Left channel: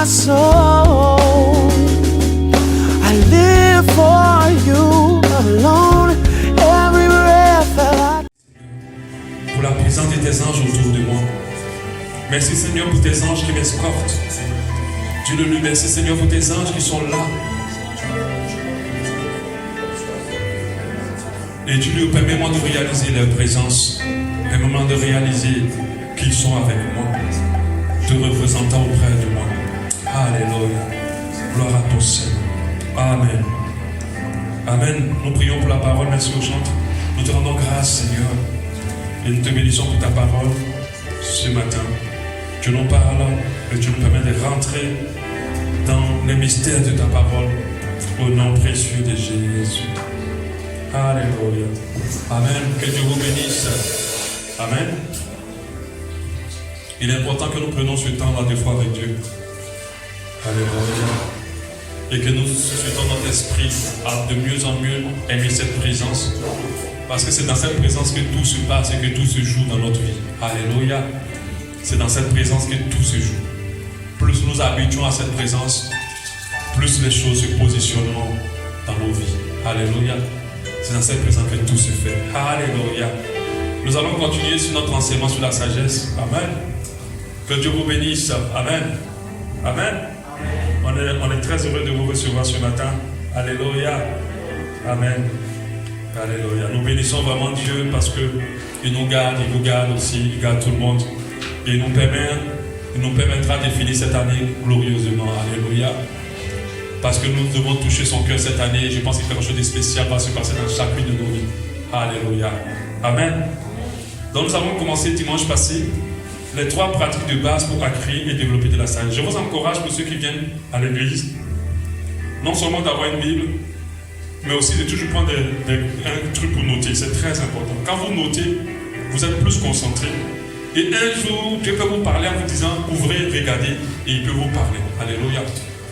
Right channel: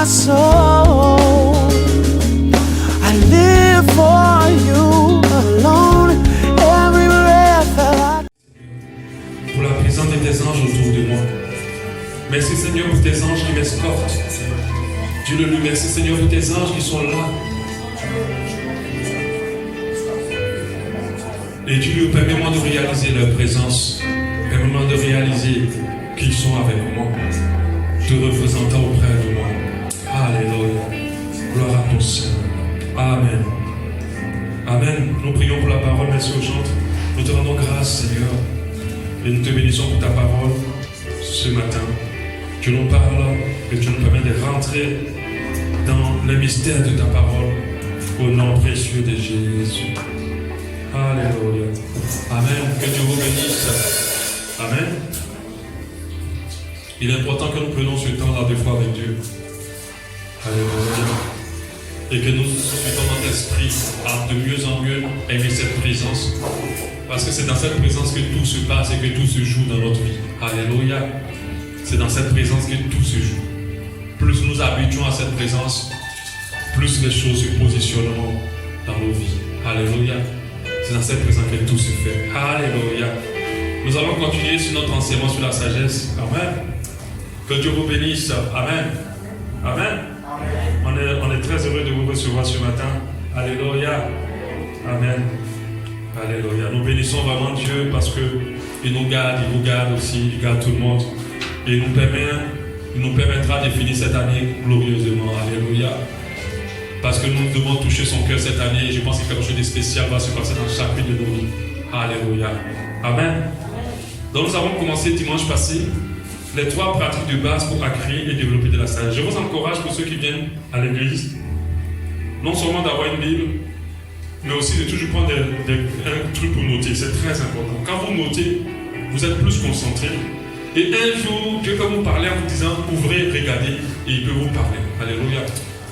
my soul. I live for you alone. Every breath that I... Pour la présence de tes anges autour de moi. Merci Seigneur pour tes anges qui m'escortent. Dieu le loue, merci Seigneur pour tes anges qui sont là. Et Dieu lui permets-moi de réaliser leur présence. Permets-moi de réaliser qu'ils sont avec moi, te représentant auprès de moi. Alléluia. Gloire à ton Seigneur. Amen. Amen. Nous prions pour la parole. Merci aux chants. Nous te rendons grâce, Seigneur. Et nous te bénissons pour ta parole ce matin. Tu nous parles et tu nous permets de rentrer dans les mystères de ta parole. Au nom précieux de Jésus. Alléluia. Amen. Que Dieu vous bénisse. Amen. Il est important que nous prenions ce temps-là de foi avec Dieu. Alléluia. Et que nous suivons notre esprit à de mieux en mieux aimer cette présence. Parce que c'est dans cette présence que tout se passe et que tout se joue dans notre vie. Alléluia. C'est dans cette présence que tout se joue. Plus nous habituons à cette présence, plus les choses se positionneront dans nos vies. Alléluia. C'est dans cette présence que tout se fait. Alléluia. Nous allons continuer sur notre enseignement sur la sagesse. Amen. Que Dieu vous bénisse. Amen. Amen. On est très heureux de vous recevoir ce matin. Alléluia. Amen. Alléluia. Nous bénissons vraiment Dieu parce qu'il nous garde, il vous garde aussi, il garde tout le monde. Et il nous permettra de finir cette année glorieusement. Alléluia. Parce que nous devons toucher son cœur cette année. Et je pense que quelque chose de spécial va se passer dans chacune de nos vies. Alléluia. Amen. Donc nous avons commencé dimanche passé les 3 pratiques de base pour acquérir et développer de la sagesse. Je vous encourage pour ceux qui viennent à l'église, non seulement d'avoir une Bible, mais aussi de toujours prendre un truc pour noter. C'est très important. Quand vous notez, vous êtes plus concentré. Et un jour, Dieu peut vous parler en vous disant, ouvrez, regardez, et il peut vous parler. Alléluia.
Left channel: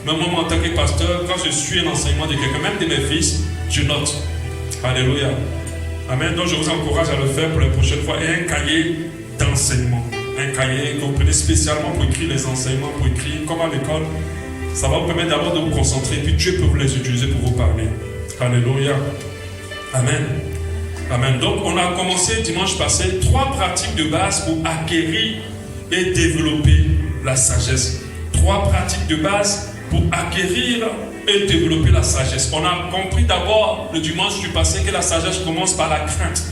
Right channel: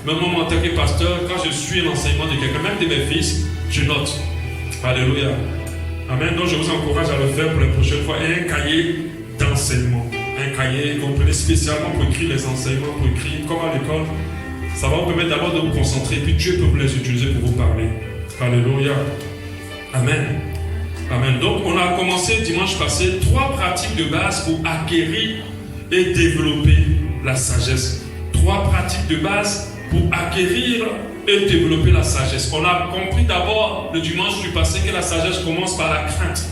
Même moi, en tant que pasteur, quand je suis un enseignement de quelqu'un, même de mes fils, je note. Alléluia. Amen. Donc je vous encourage à le faire pour les prochaines fois. Et un cahier d'enseignement. Un cahier que vous prenez spécialement pour écrire les enseignements, pour écrire comme à l'école. Ça va vous permettre d'abord de vous concentrer, puis Dieu peut vous les utiliser pour vous parler. Alléluia. Amen. Amen. Donc on a commencé dimanche passé 3 pratiques de base pour acquérir et développer la sagesse. 3 pratiques de base pour acquérir et développer la sagesse. On a compris d'abord le dimanche du passé que la sagesse commence par la crainte.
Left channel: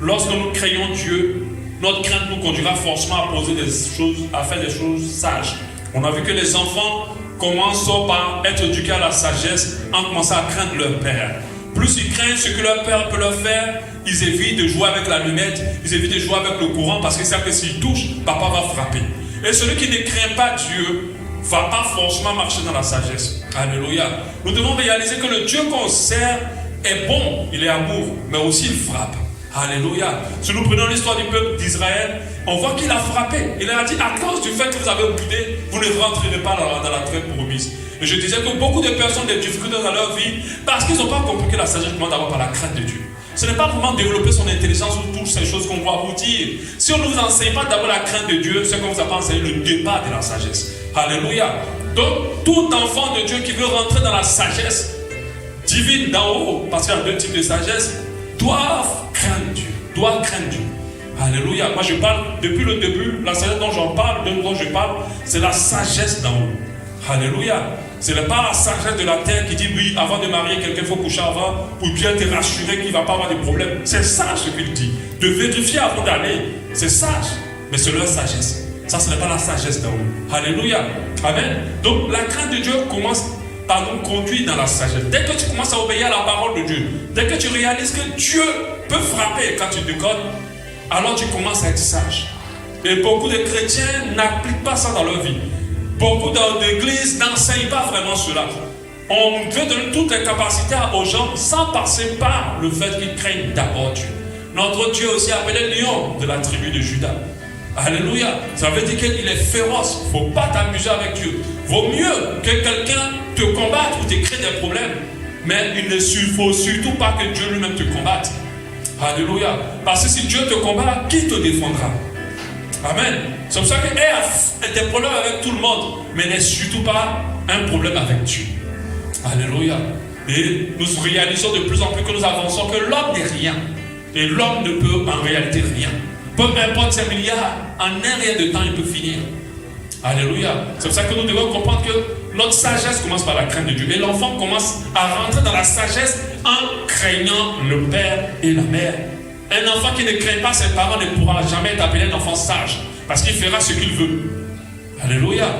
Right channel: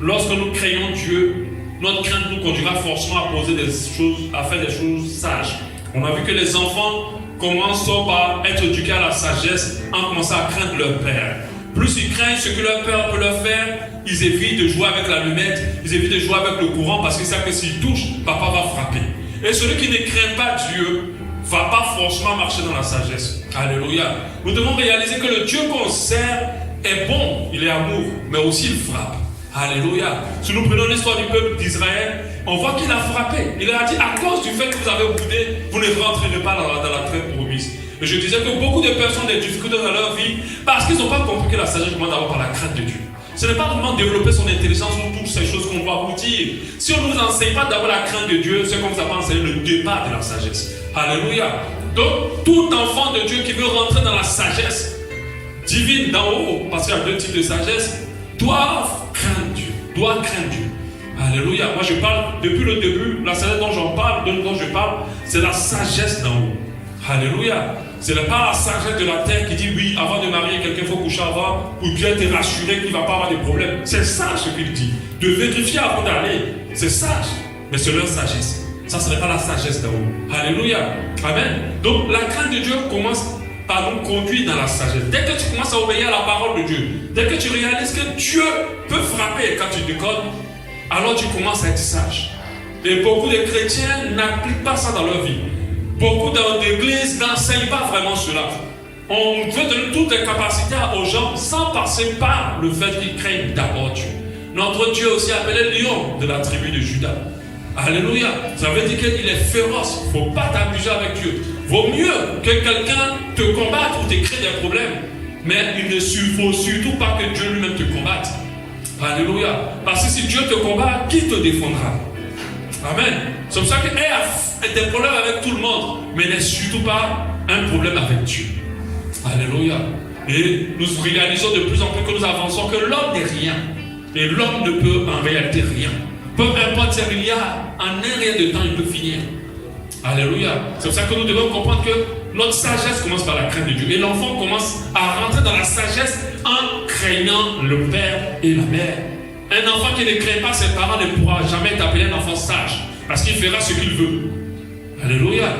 Lorsque nous créons Dieu, notre crainte nous conduira forcément à poser des choses, à faire des choses sages. On a vu que les enfants commencent par être éduqués à la sagesse en commençant à craindre leur père. Plus ils craignent ce que leur père peut leur faire, ils évitent de jouer avec l'allumette, ils évitent de jouer avec le courant parce qu'ils savent que s'ils touchent, papa va frapper. Et celui qui ne craint pas Dieu ne va pas forcément marcher dans la sagesse. Alléluia. Nous devons réaliser que le Dieu qu'on sert est bon, il est amour, mais aussi il frappe. Alléluia. Si nous prenons l'histoire du peuple d'Israël, on voit qu'il a frappé. Il a dit, à cause du fait que vous avez boudé, vous ne rentrerez pas dans la terre promise. Et je disais que beaucoup de personnes ont des difficultés dans leur vie parce qu'ils n'ont pas compris que la sagesse commence d'abord par la crainte de Dieu. Ce n'est pas vraiment développer son intelligence ou toutes ces choses qu'on va vous dire. Si on ne vous enseigne pas d'abord la crainte de Dieu, c'est comme ça va enseigner le départ de la sagesse. Alléluia. Donc, tout enfant de Dieu qui veut rentrer dans la sagesse divine d'en haut, parce qu'il y a 2 types de sagesse, doit craindre Dieu. Alléluia. Moi je parle, depuis le début, la sagesse dont je parle, c'est la sagesse d'en haut. Alléluia. Ce n'est pas la sagesse de la terre qui dit oui, avant de marier quelqu'un, il faut coucher avant pour bien te rassurer qu'il ne va pas avoir de problème. C'est sage ce qu'il dit. De vérifier avant d'aller, c'est sage. Mais c'est leur sagesse. Ça, ce n'est pas la sagesse d'en haut. Alléluia. Amen. Donc la crainte de Dieu commence par nous conduire dans la sagesse. Dès que tu commences à obéir à la parole de Dieu, dès que tu réalises que Dieu peut frapper quand tu déconnes, alors tu commences à être sage. Et beaucoup de chrétiens n'appliquent pas ça dans leur vie. Beaucoup d'églises n'enseignent pas vraiment cela. On veut donner toutes les capacités aux gens sans passer par le fait qu'ils craignent d'abord Dieu. Notre Dieu aussi appelé lion de la tribu de Juda. Alléluia. Ça veut dire qu'il est féroce. Il ne faut pas t'amuser avec Dieu. Vaut mieux que quelqu'un te combatte ou te crée des problèmes. Mais il ne faut surtout pas que Dieu lui-même te combatte. Alléluia. Parce que si Dieu te combat, qui te défendra? Amen. C'est pour ça qu'elle a des problèmes avec tout le monde, mais n'est surtout pas un problème avec Dieu. Alléluia. Et nous réalisons de plus en plus que nous avançons que l'homme n'est rien. Et l'homme ne peut en réalité rien. Peu importe ses milliards, en un rien de temps, il peut finir. Alléluia. C'est pour ça que nous devons comprendre que notre sagesse commence par la crainte de Dieu. Et l'enfant commence à rentrer dans la sagesse en craignant le père et la mère. Un enfant qui ne craint pas ses parents ne pourra jamais être appelé un enfant sage. Parce qu'il fera ce qu'il veut. Alléluia.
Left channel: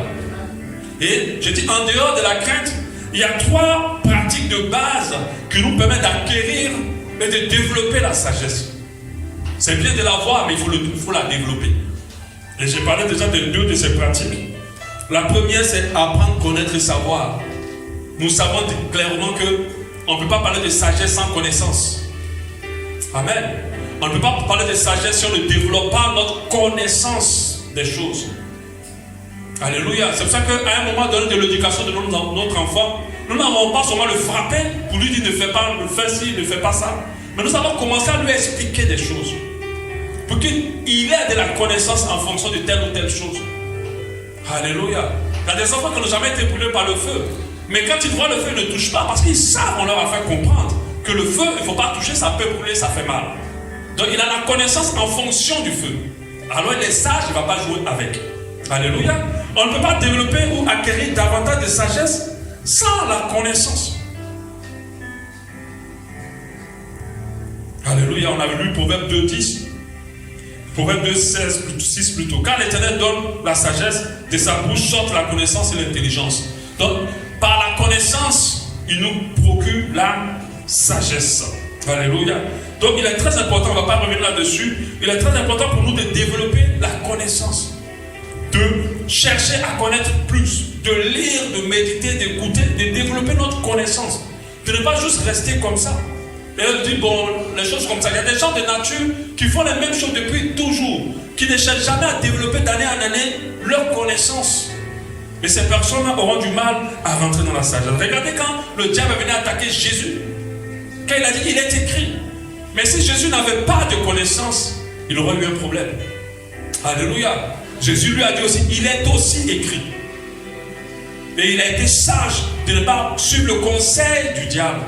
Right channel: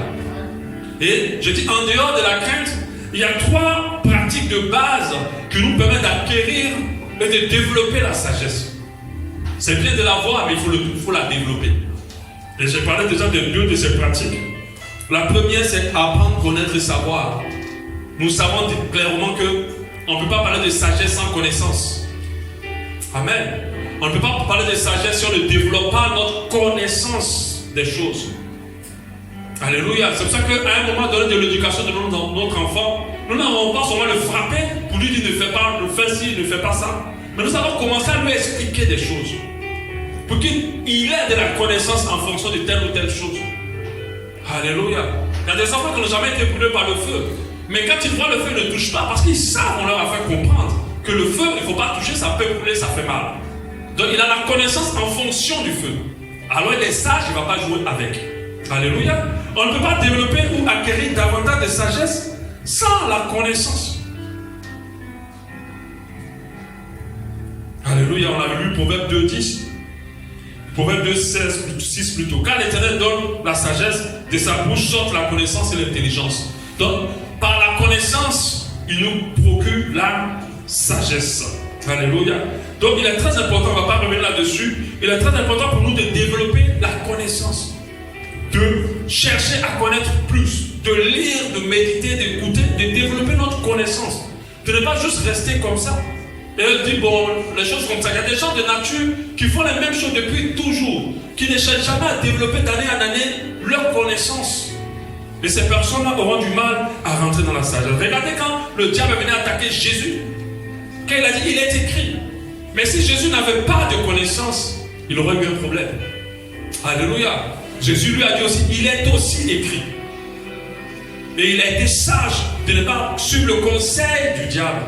Et je dis, en dehors de la crainte, il y a 3 pratiques de base qui nous permettent d'acquérir et de développer la sagesse. C'est bien de l'avoir, mais il faut la développer. Et j'ai parlé déjà de 2 de ces pratiques. La première, c'est apprendre, connaître et savoir. Nous savons clairement qu'on ne peut pas parler de sagesse sans connaissance. Amen. On ne peut pas parler de sagesse si on ne développe pas notre connaissance des choses. Alléluia. C'est pour ça qu'à un moment donné de l'éducation de notre enfant, nous n'avons pas seulement le frapper pour lui dire ne fais pas, ne fais ci, ne fais pas ça. Mais nous avons commencé à lui expliquer des choses. Pour qu'il ait de la connaissance en fonction de telle ou telle chose. Alléluia. Il y a des enfants qui n'ont jamais été brûlés par le feu. Mais quand ils voient le feu, ils ne touchent pas parce qu'ils savent, on leur a fait comprendre que le feu, il ne faut pas toucher, ça peut brûler, ça fait mal. Donc il a la connaissance en fonction du feu. Alors il est sage, il ne va pas jouer avec. Alléluia. On ne peut pas développer ou acquérir davantage de sagesse sans la connaissance. Alléluia. On avait lu Proverbe 2:10. Proverbe 2:6 plutôt. Car l'Éternel donne la sagesse, de sa bouche sortent la connaissance et l'intelligence. Donc, par la connaissance, il nous procure la sagesse. Alléluia. Donc, il est très important, on ne va pas revenir là-dessus, il est très important pour nous de développer la connaissance. De chercher à connaître plus, de lire, de méditer, d'écouter, de développer notre connaissance. De ne pas juste rester comme ça. Et elle dit, bon, les choses comme ça. Il y a des gens de nature qui font les mêmes choses depuis toujours, qui ne cherchent jamais à développer d'année en année leur connaissance. Et ces personnes-là auront du mal à rentrer dans la sagesse. Regardez quand le diable est venu attaquer Jésus, quand il a dit, il est écrit. Mais si Jésus n'avait pas de connaissance, il aurait eu un problème. Alléluia. Jésus lui a dit aussi, il est aussi écrit. Et il a été sage de ne pas suivre le conseil du diable.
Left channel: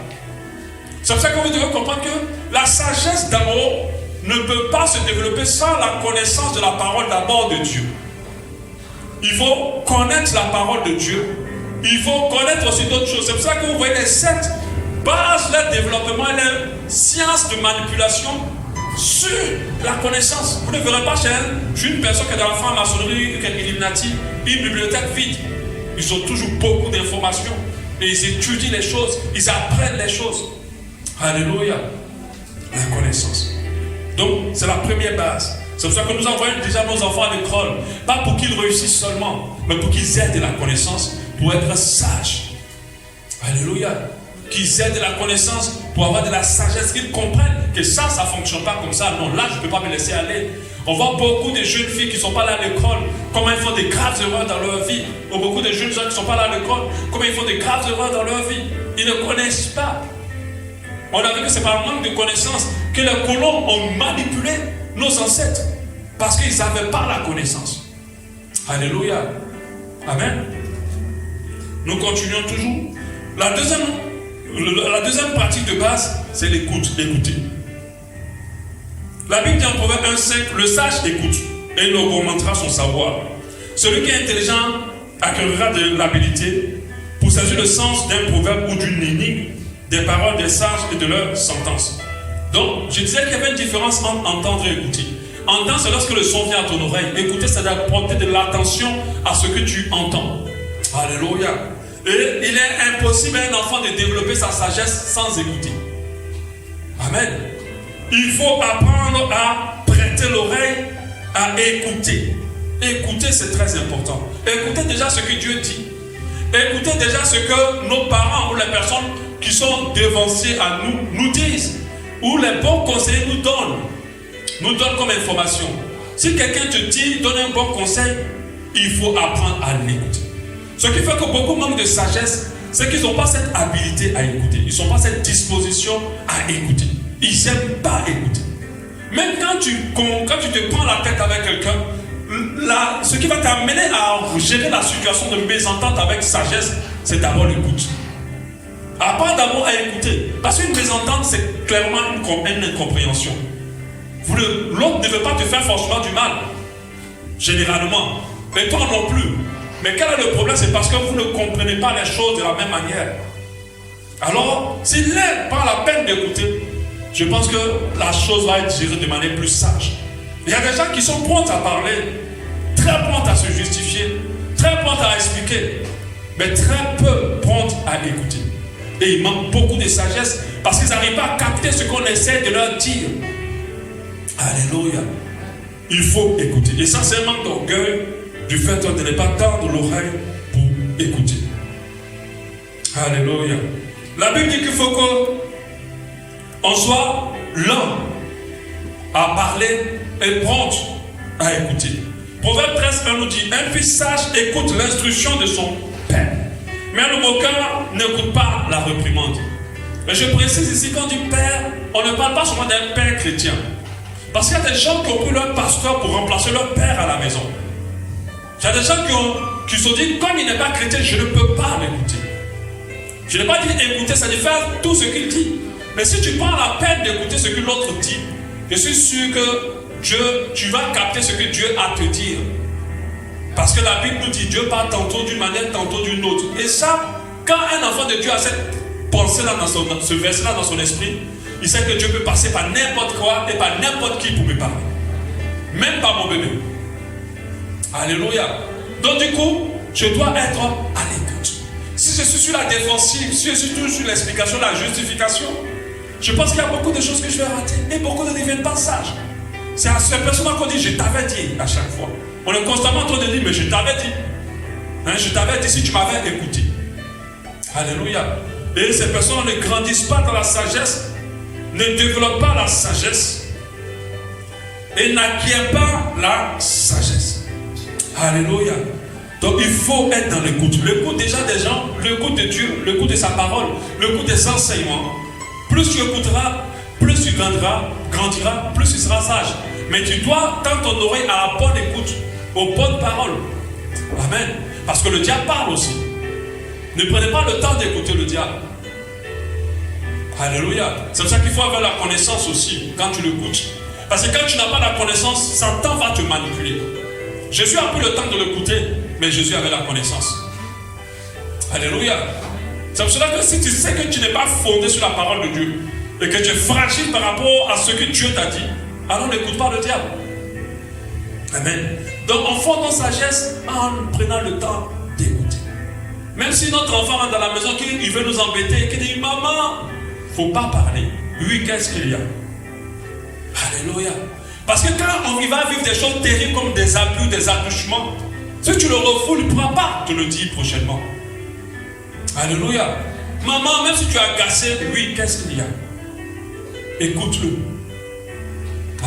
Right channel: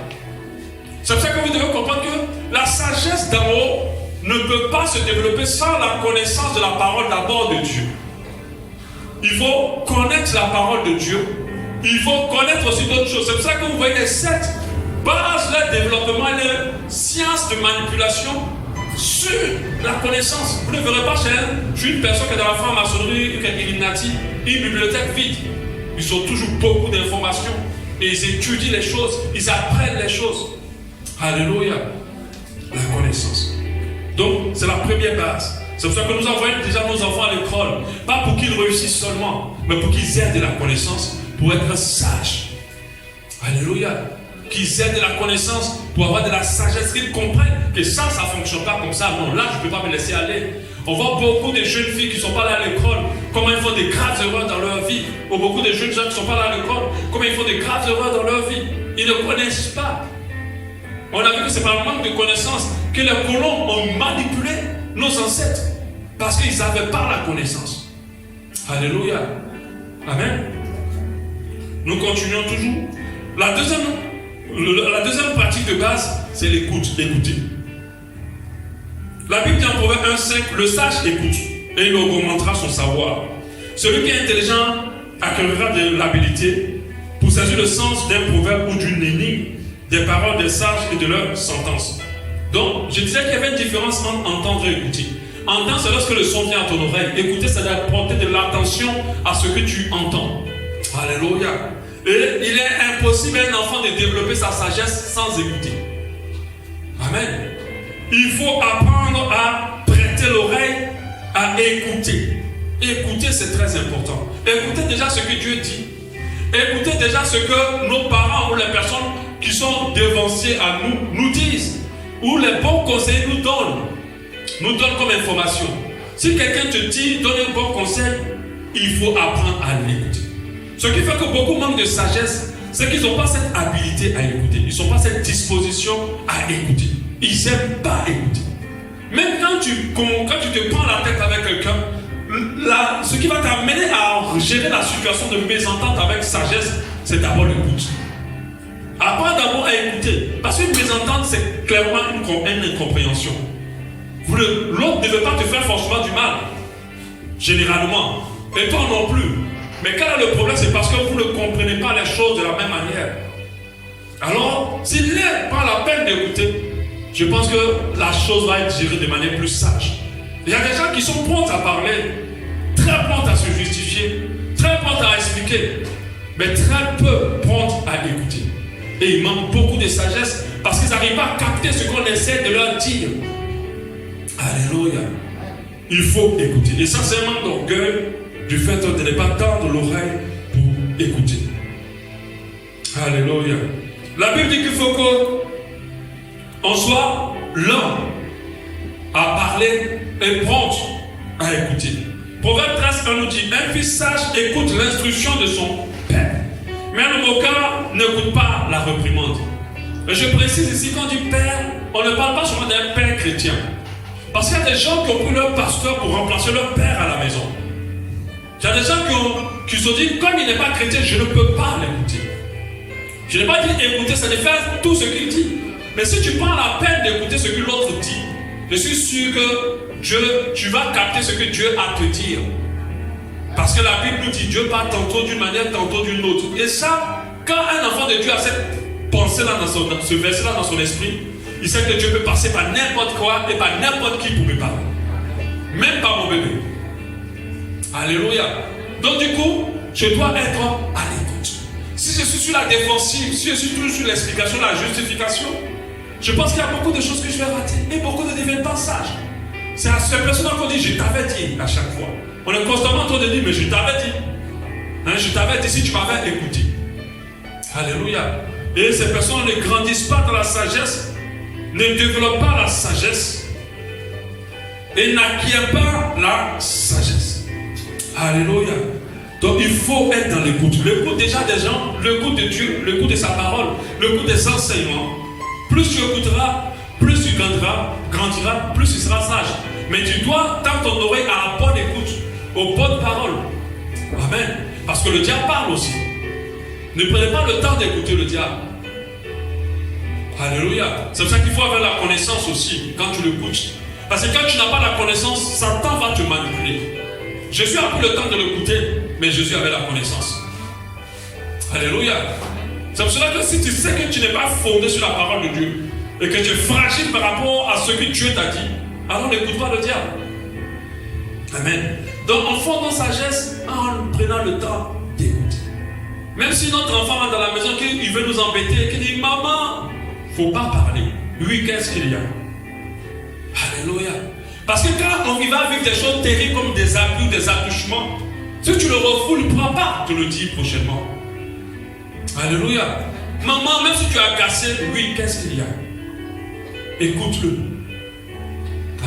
C'est pour ça que vous devez comprendre que la sagesse d'en haut ne peut pas se développer sans la connaissance de la parole d'abord de Dieu. Il faut connaître la parole de Dieu. Il faut connaître aussi d'autres choses. C'est pour ça que vous voyez les 7 bases, le développement et les sciences de manipulation sur la connaissance. Vous ne verrez pas chez elle, je suis une personne qui est dans la franc-maçonnerie, qui est Illuminati, une bibliothèque vide. Ils ont toujours beaucoup d'informations. Et ils étudient les choses, ils apprennent les choses. Alléluia. La connaissance. Donc, c'est la première base. C'est pour ça que nous envoyons déjà nos enfants à l'école. Pas pour qu'ils réussissent seulement, mais pour qu'ils aient de la connaissance, pour être sages. Alléluia. Qu'ils aient de la connaissance, pour avoir de la sagesse, qu'ils comprennent que ça ne fonctionne pas comme ça. Non, là, je ne peux pas me laisser aller. On voit beaucoup de jeunes filles qui ne sont pas là à l'école, comment ils font des graves erreurs dans leur vie. Ou beaucoup de jeunes gens qui ne sont pas là à l'école, comment ils font des graves erreurs dans leur vie. Ils ne connaissent pas. On a vu que c'est par manque de connaissance que les colons ont manipulé nos ancêtres. Parce qu'ils n'avaient pas la connaissance. Alléluia. Amen. Nous continuons toujours. La deuxième pratique de base, c'est l'écoute. Écouter. La Bible dit en Proverbe 1:5, le sage écoute et il augmentera son savoir. Celui qui est intelligent acquérera de l'habilité pour saisir le sens d'un proverbe ou d'une énigme, des paroles des sages et de leurs sentences. Donc, je disais qu'il y avait une différence entre entendre et écouter. Entendre, c'est lorsque le son vient à ton oreille. Écouter, c'est d'apporter de l'attention à ce que tu entends. Alléluia. Et il est impossible à un enfant de développer sa sagesse sans écouter. Amen. Il faut apprendre à prêter l'oreille, à écouter. Écouter, c'est très important. Écoutez déjà ce que Dieu dit. Écoutez déjà ce que nos parents ou les personnes qui sont devanciers à nous disent. Ou les bons conseillers nous donnent comme information. Si quelqu'un te dit, donne un bon conseil, il faut apprendre à l'écouter. Ce qui fait que beaucoup manquent de sagesse, c'est qu'ils n'ont pas cette habilité à écouter. Ils n'ont pas cette disposition à écouter. Ils n'aiment pas écouter. Même quand tu te prends la tête avec quelqu'un, ce qui va t'amener à gérer la situation de mésentente avec sagesse, c'est d'abord l'écoute. Apprends d'abord à écouter. Parce qu'une mésentente, c'est clairement une incompréhension. L'autre ne veut pas te faire forcément du mal. Généralement. Et toi non plus. Mais quel est le problème? C'est parce que vous ne comprenez pas les choses de la même manière. Alors, s'il n'est pas la peine d'écouter, je pense que la chose va être gérée de manière plus sage. Il y a des gens qui sont prompts à parler, très prompts à se justifier, très prompts à expliquer, mais très peu prompts à écouter. Et il manque beaucoup de sagesse parce qu'ils n'arrivent pas à capter ce qu'on essaie de leur dire. Alléluia. Il faut écouter. Et ça, c'est un manque d'orgueil du fait de ne pas tendre l'oreille pour écouter. Alléluia. La Bible dit qu'il faut qu'on soit lent à parler et prompt à écouter. Proverbe 13:1 nous dit: un fils sage écoute l'instruction de son père, mais un moqueur n'écoute pas la réprimande. Et je précise ici, quand on dit père, on ne parle pas seulement d'un père chrétien. Parce qu'il y a des gens qui ont pris leur pasteur pour remplacer leur père à la maison. Il y a des gens qui se disent, comme il n'est pas chrétien, je ne peux pas l'écouter. Je n'ai pas dit écouter, ça veut faire tout ce qu'il dit. Mais si tu prends la peine d'écouter ce que l'autre dit, je suis sûr que tu vas capter ce que Dieu a à te dire. Parce que la Bible nous dit, Dieu parle tantôt d'une manière, tantôt d'une autre. Et ça, quand un enfant de Dieu a cette pensée-là, ce verset-là dans son esprit, il sait que Dieu peut passer par n'importe quoi et par n'importe qui pour me parler. Même par mon bébé. Alléluia. Donc du coup, je dois être à l'écoute. Si je suis sur la défensive, si je suis toujours sur l'explication, la justification, je pense qu'il y a beaucoup de choses que je vais rater. Et beaucoup ne deviennent pas sages. C'est à ces personnes qu'on dit, je t'avais dit à chaque fois. On est constamment en train de dire, mais je t'avais dit. Hein, je t'avais dit si tu m'avais écouté. Alléluia. Et ces personnes ne grandissent pas dans la sagesse, ne développent pas la sagesse et n'acquièrent pas la sagesse. Alléluia. Donc il faut être dans l'écoute. L'écoute déjà des gens, l'écoute de Dieu, l'écoute de sa parole, l'écoute des enseignements. Plus tu écouteras, plus tu grandiras, plus tu seras sage. Mais tu dois tendre ton oreille à la bonne écoute, aux bonnes paroles. Amen. Parce que le diable parle aussi. Ne prenez pas le temps d'écouter le diable. Alléluia. C'est pour ça qu'il faut avoir la connaissance aussi quand tu l'écoutes. Parce que quand tu n'as pas la connaissance, Satan va te manipuler. Jésus a pris le temps de l'écouter, mais Jésus avait la connaissance. Alléluia. C'est pour cela que si tu sais que tu n'es pas fondé sur la parole de Dieu et que tu es fragile par rapport à ce que Dieu t'a dit, alors n'écoute pas le diable. Amen. Donc on fonde en sagesse en prenant le temps d'écouter. Même si notre enfant rentre dans la maison, qu'il veut nous embêter, qu'il dit maman, il ne faut pas parler. Oui, qu'est-ce qu'il y a? Alléluia. Parce que quand on va vivre des choses terribles comme des abus, des attouchements, si tu le refoules, il ne pourra pas te le dire prochainement. Alléluia. Maman, même si tu es agacé, oui, qu'est-ce qu'il y a? Écoute-le.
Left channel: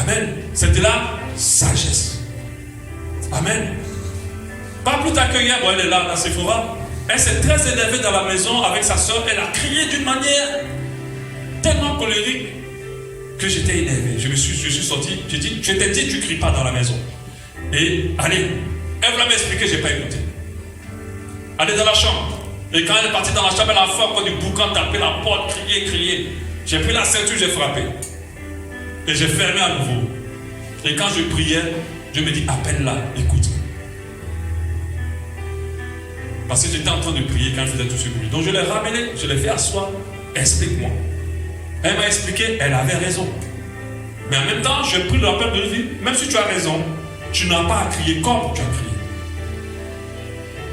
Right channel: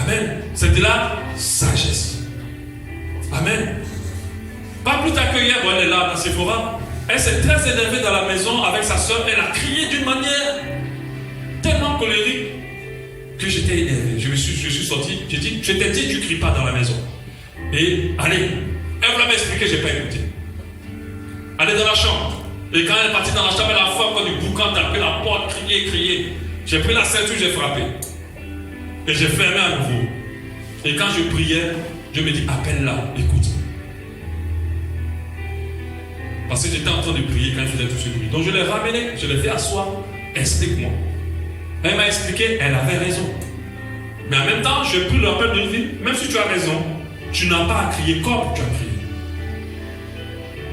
Amen. C'est de la sagesse. Amen. Pas plus tard que hier, elle est là dans Sephora. Elle s'est très énervée dans la maison avec sa soeur. Elle a crié d'une manière tellement colérique que j'étais énervé. Je suis sorti. J'ai dit, je t'ai dit, tu ne cries pas dans la maison. Et allez, elle voulait m'expliquer, je n'ai pas écouté. Allez dans la chambre. Et quand elle est partie dans la chambre, elle a fait encore du boucan, tapé la porte, crier. J'ai pris la ceinture, j'ai frappé. Et j'ai fermé à nouveau. Et quand je priais, je me dis, appelle-la, écoute. Parce que j'étais en train de prier quand elle faisait tout ce bruit. Donc je l'ai ramené, je l'ai fait asseoir. Explique-moi. Elle m'a expliqué, elle avait raison. Mais en même temps, j'ai pris l'appel de lui. Même si tu as raison, tu n'as pas à crier comme tu as crié.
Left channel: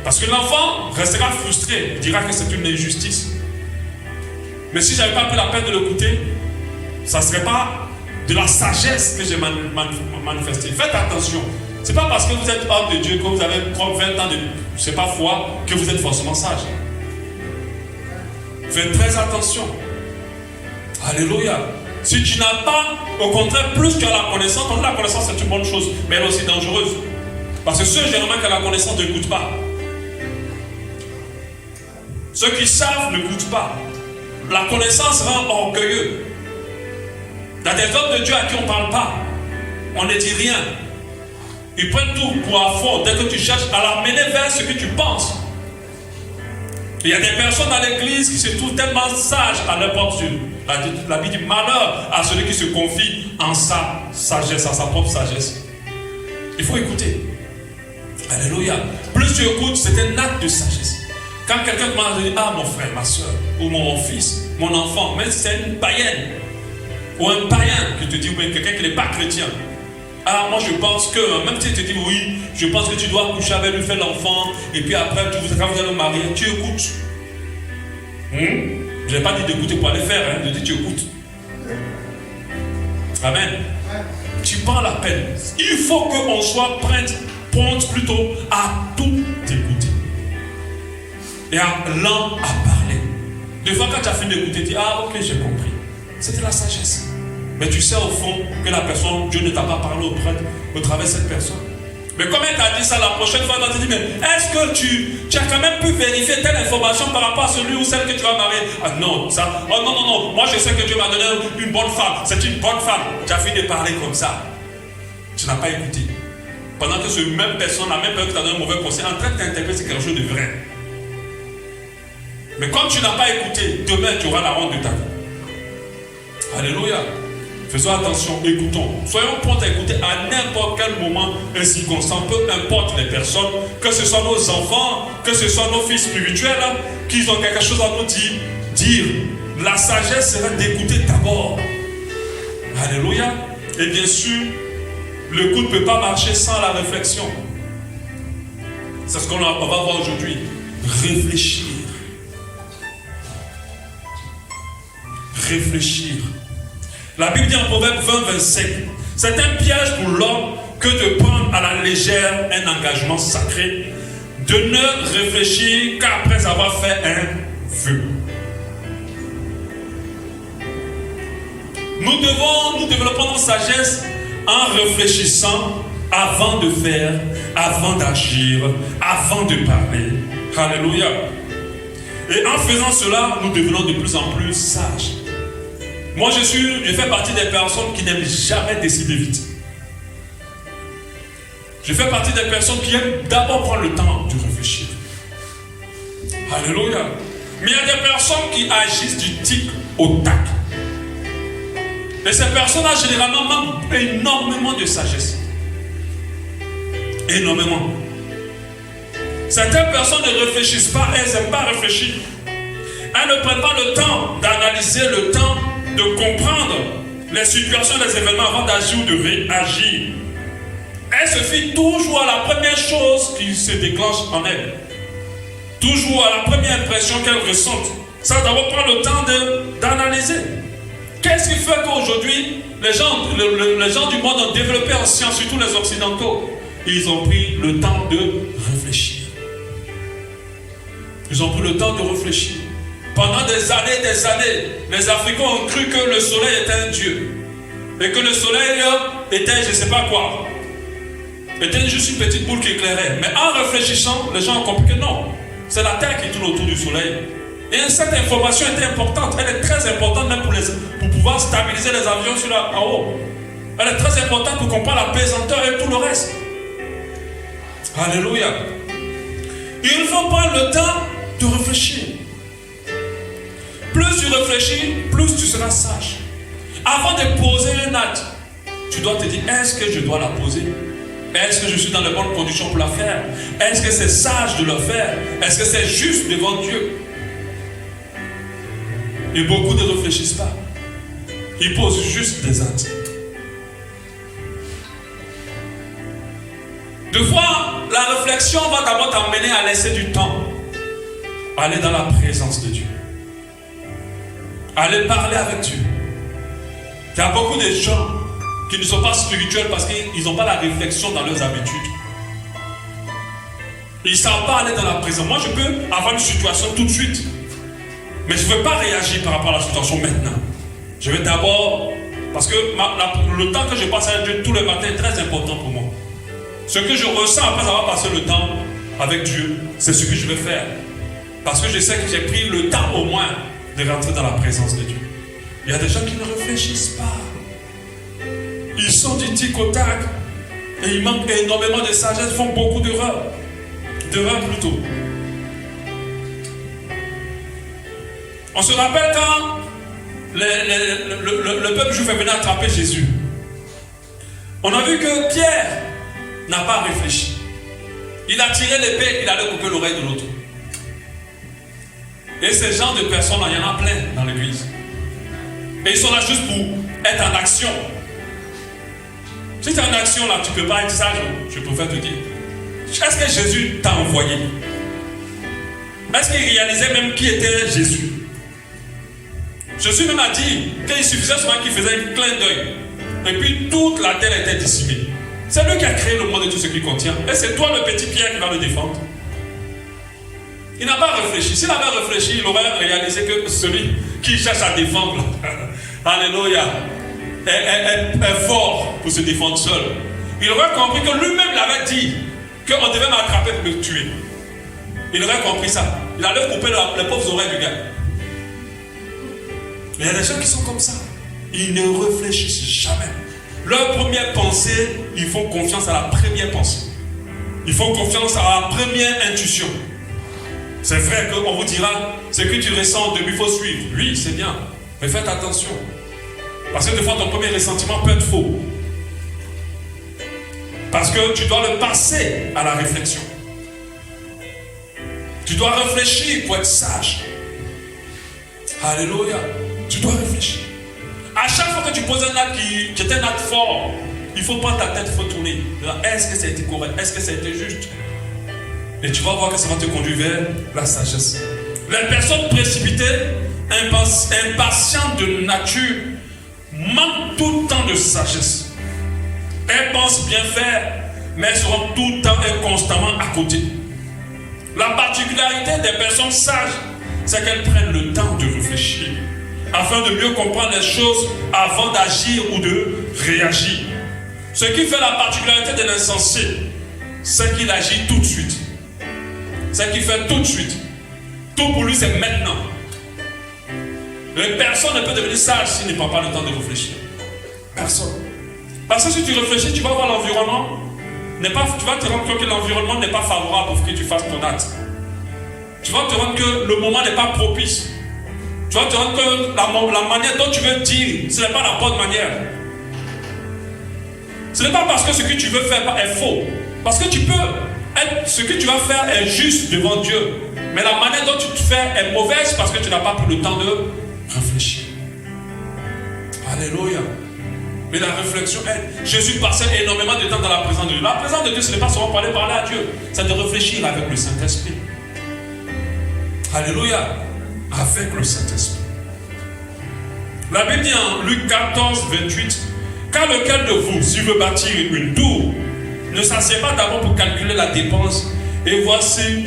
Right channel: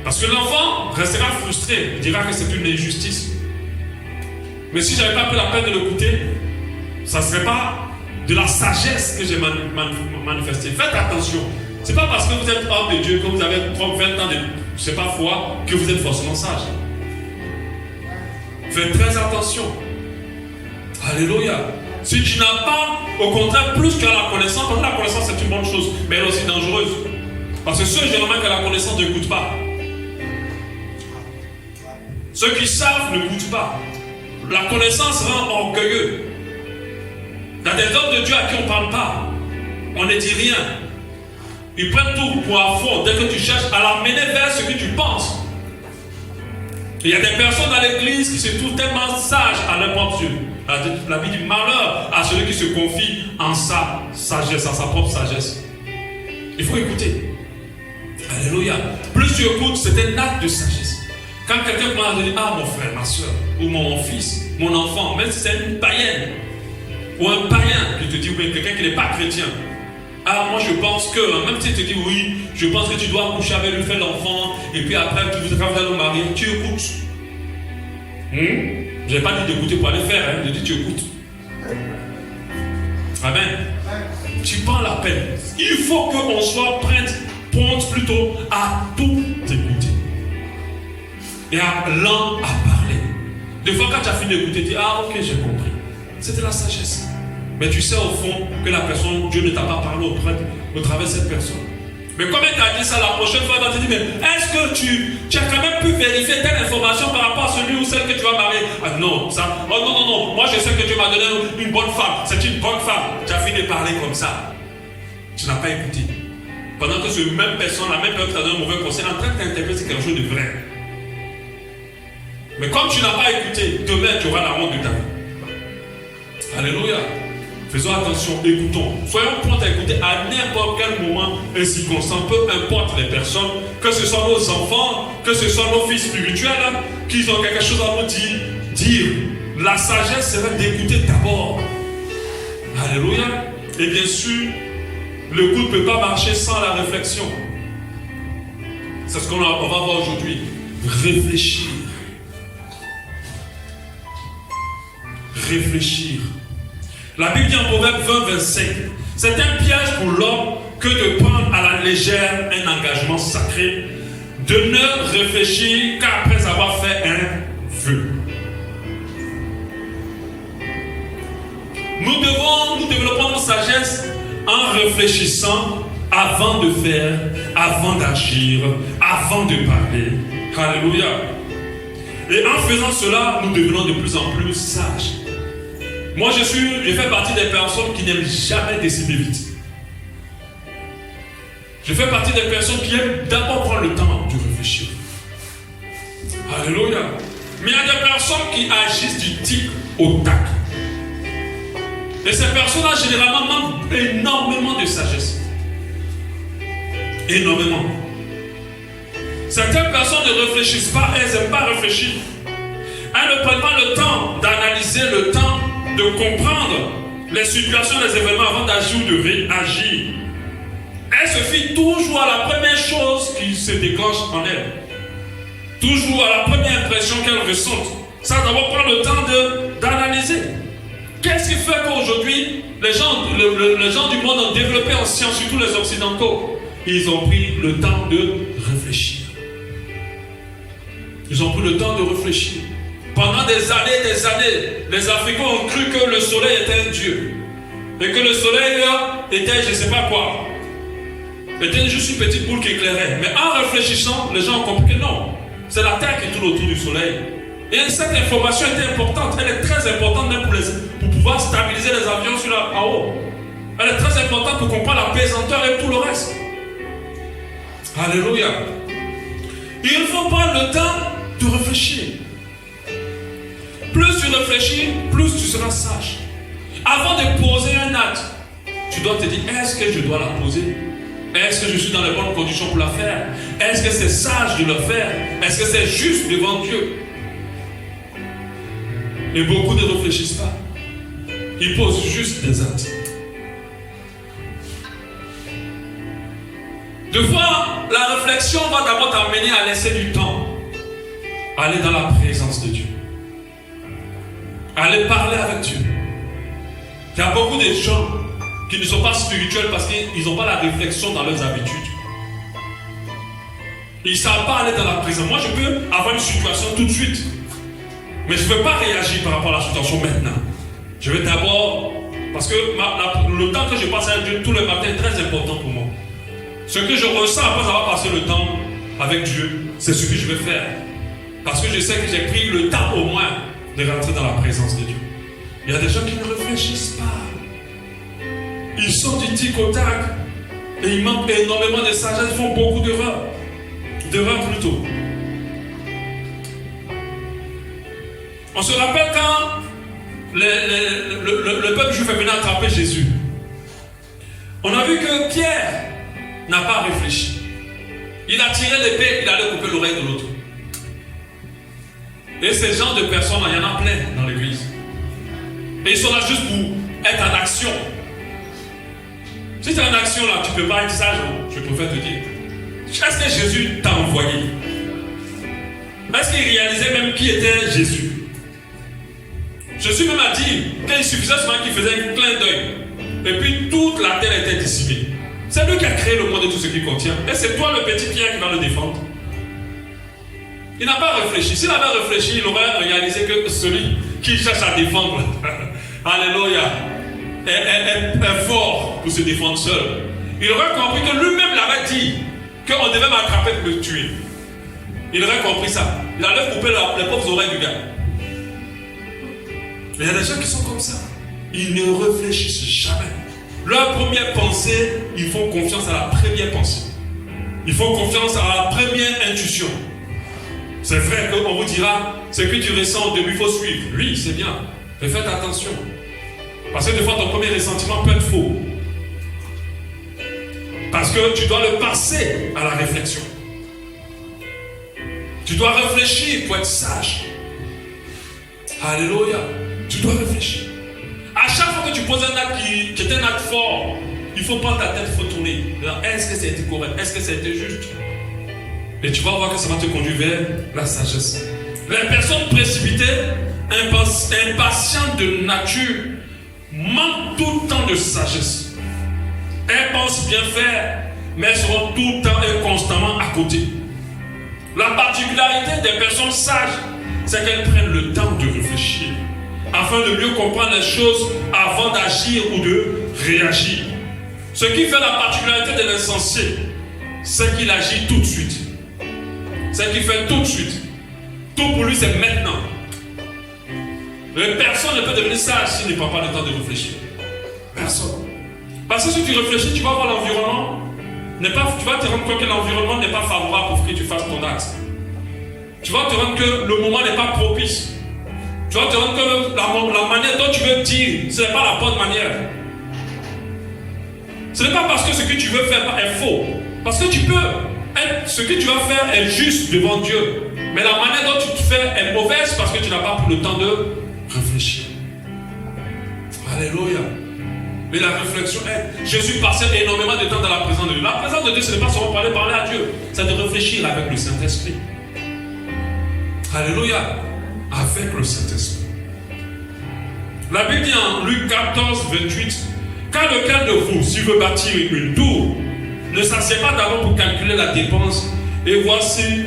Parce que l'enfant restera frustré. Il dira que c'est une injustice. Mais si je n'avais pas pris la peine de l'écouter, ça ne serait pas de la sagesse que j'ai manifestée. Faites attention. Ce n'est pas parce que vous êtes homme de Dieu, que vous avez 20 ans de c'est pas foi, que vous êtes forcément sage. Faites très attention. Alléluia. Si tu n'as pas, au contraire, plus que la connaissance, parce que la connaissance c'est une bonne chose, mais elle est aussi dangereuse. Parce que ceux généralement qui ont la connaissance ne goûtent pas. Ceux qui savent ne goûtent pas. La connaissance rend orgueilleux. Il y a des hommes de Dieu à qui on ne parle pas. On ne dit rien. Ils prennent tout pour un faux dès que tu cherches à l'amener vers ce que tu penses. Il y a des personnes à l'église qui se trouvent tellement sages à leur propre Dieu. La vie du malheur à celui qui se confie en sa sagesse, en sa propre sagesse. Il faut écouter. Alléluia. Plus tu écoutes, c'est un acte de sagesse. Quand quelqu'un commence à dire, ah mon frère, ma soeur, ou mon fils, mon enfant, même si c'est une païenne, ou un païen qui te dit, oui, quelqu'un qui n'est pas chrétien. Ah, moi je pense que, même si tu te dis, oui, je pense que tu dois coucher avec lui, faire l'enfant, et puis après, quand vous allez vous marier, tu écoutes. Je n'ai pas dit d'écouter pour aller faire, je dis tu écoutes. Amen. Tu prends la peine. Il faut qu'on soit prête plutôt à tout écouter. Et à lent à parler. Des fois, quand tu as fini d'écouter, tu dis, ah ok, j'ai compris. C'était la sagesse. Mais tu sais au fond que la personne, Dieu ne t'a pas parlé au travers de cette personne. Mais comme elle t'a dit ça, la prochaine fois, elle va te dire, mais est-ce que tu as quand même pu vérifier telle information par rapport à celui ou celle que tu vas marier? Ah non, ça, oh non, non, non, moi je sais que Dieu m'a donné une bonne femme, c'est une bonne femme. Tu as fini de parler comme ça. Tu n'as pas écouté. Pendant que cette même personne, la même personne qui t'a donné un mauvais conseil, en train de t'interpréter quelque chose de vrai. Mais comme tu n'as pas écouté, demain tu auras la honte de ta vie. Alléluia. Faisons attention, écoutons. Soyons prompts à écouter à n'importe quel moment et circonstance, peu importe les personnes, que ce soit nos enfants, que ce soit nos fils spirituels, qui ont quelque chose à nous dire. La sagesse serait d'écouter d'abord. Alléluia. Et bien sûr, le coup ne peut pas marcher sans la réflexion. C'est ce qu'on va voir aujourd'hui. Réfléchir. Réfléchir. La Bible dit en Proverbe 20-25, c'est un piège pour l'homme que de prendre à la légère un engagement sacré, de ne réfléchir qu'après avoir fait un vœu. Nous développons notre sagesse en réfléchissant avant de faire, avant d'agir, avant de parler. Alléluia. Et en faisant cela, nous devenons de plus en plus sages. Moi, je fais partie des personnes qui n'aiment jamais décider vite. Je fais partie des personnes qui aiment d'abord prendre le temps de réfléchir. Alléluia. Mais il y a des personnes qui agissent du tic au tac. Et ces personnes-là, généralement, manquent énormément de sagesse. Énormément. Certaines personnes ne réfléchissent pas, elles n'aiment pas réfléchir. Elles ne prennent pas le temps d'analyser, le temps de comprendre les situations, les événements avant d'agir ou de réagir. Elle se fie toujours à la première chose qui se déclenche en elle. Toujours à la première impression qu'elle ressent. Ça d'abord prendre le temps d'analyser. Qu'est-ce qui fait qu'aujourd'hui, les gens du monde ont développé en science, surtout les occidentaux, ils ont pris le temps de réfléchir. Ils ont pris le temps de réfléchir. Pendant des années, les Africains ont cru que le soleil était un dieu. Et que le soleil était je ne sais pas quoi. Était juste une petite boule qui éclairait. Mais en réfléchissant, les gens ont compris que non. C'est la terre qui tourne autour du soleil. Et cette information était importante. Elle est très importante même pour pouvoir stabiliser les avions en haut. Elle est très importante pour comprendre la pesanteur et tout le reste. Alléluia. Il faut prendre le temps de réfléchir. Plus tu réfléchis, plus tu seras sage. Avant de poser un acte, tu dois te dire, est-ce que je dois la poser? Est-ce que je suis dans les bonnes conditions pour la faire? Est-ce que c'est sage de le faire? Est-ce que c'est juste devant Dieu? Et beaucoup ne réfléchissent pas. Ils posent juste des actes. Deux fois, la réflexion va d'abord t'amener à laisser du temps. Aller dans la présence de Dieu. Aller parler avec Dieu. Il y a beaucoup de gens qui ne sont pas spirituels parce qu'ils n'ont pas la réflexion dans leurs habitudes. Ils ne savent pas aller dans la présence. Moi, je peux avoir une situation tout de suite. Mais je ne vais pas réagir par rapport à la situation maintenant. Je vais d'abord... Parce que le temps que je passe avec Dieu tous les matins est très important pour moi. Ce que je ressens après avoir passé le temps avec Dieu, c'est ce que je vais faire. Parce que je sais que j'ai pris le temps au moins de rentrer dans la présence de Dieu. Il y a des gens qui ne réfléchissent pas. Ils sont du tic au tac. Et il manque énormément de sagesse, ils font beaucoup d'erreurs. D'erreurs plutôt. On se rappelle quand le peuple juif est venu attraper Jésus. On a vu que Pierre n'a pas réfléchi. Il a tiré l'épée et il allait couper l'oreille de l'autre. Et ces genres de personnes, il y en a plein dans l'église. Et ils sont là juste pour être en action. Si tu es en action là, tu ne peux pas être sage, je préfère te dire. Est-ce que Jésus t'a envoyé? Est-ce qu'il réalisait même qui était Jésus? Jésus même a dit qu'il suffisait seulement qu'il faisait un clin d'œil. Et puis toute la terre était décimée. C'est lui qui a créé le monde et tout ce qu'il contient. Et c'est toi le petit Pierre qui va le défendre. Il n'a pas réfléchi. S'il avait réfléchi, il aurait réalisé que celui qui cherche à défendre, alléluia, est fort pour se défendre seul. Il aurait compris que lui-même l'avait dit qu'on devait m'attraper pour me tuer. Il aurait compris ça. Il allait couper les pauvres oreilles du gars. Mais il y a des gens qui sont comme ça. Ils ne réfléchissent jamais. Leur première pensée, ils font confiance à la première pensée. Ils font confiance à la première intuition. C'est vrai qu'on vous dira, ce que tu ressens au début, il faut suivre. Oui, c'est bien. Mais faites attention. Parce que des fois, ton premier ressentiment peut être faux. Parce que tu dois le passer à la réflexion. Tu dois réfléchir pour être sage. Alléluia. Tu dois réfléchir. À chaque fois que tu poses un acte qui est un acte fort, il faut prendre ta tête, il faut tourner. Est-ce que ça a été correct? Est-ce que ça a été juste? Et tu vas voir que ça va te conduire vers la sagesse. Les personnes précipitées, impatientes de nature, manquent tout le temps de sagesse. Elles pensent bien faire, mais elles seront tout le temps et constamment à côté. La particularité des personnes sages, c'est qu'elles prennent le temps de réfléchir, afin de mieux comprendre les choses avant d'agir ou de réagir. Ce qui fait la particularité de l'insensé, c'est qu'il agit tout de suite. C'est qu'il fait tout de suite. Tout pour lui, c'est maintenant. Et personne ne peut devenir sage s'il ne prend pas le temps de réfléchir. Personne. Parce que si tu réfléchis, tu vas voir l'environnement. Tu vas te rendre compte que l'environnement n'est pas favorable pour que tu fasses ton acte. Tu vas te rendre que le moment n'est pas propice. Tu vas te rendre que la manière dont tu veux dire, ce n'est pas la bonne manière. Ce n'est pas parce que ce que tu veux faire est faux. Parce que tu peux ce que tu vas faire est juste devant Dieu. Mais la manière dont tu te fais est mauvaise parce que tu n'as pas pris le temps de réfléchir. Alléluia. Mais la réflexion est... Jésus passait énormément de temps dans la présence de Dieu. La présence de Dieu, ce n'est pas seulement parler à Dieu. C'est de réfléchir avec le Saint-Esprit. Alléluia. Avec le Saint-Esprit. La Bible dit en Luc 14, 28, « Car lequel de vous, s'il veut bâtir une tour, ne s'assied pas d'abord pour calculer la dépense et voir s'il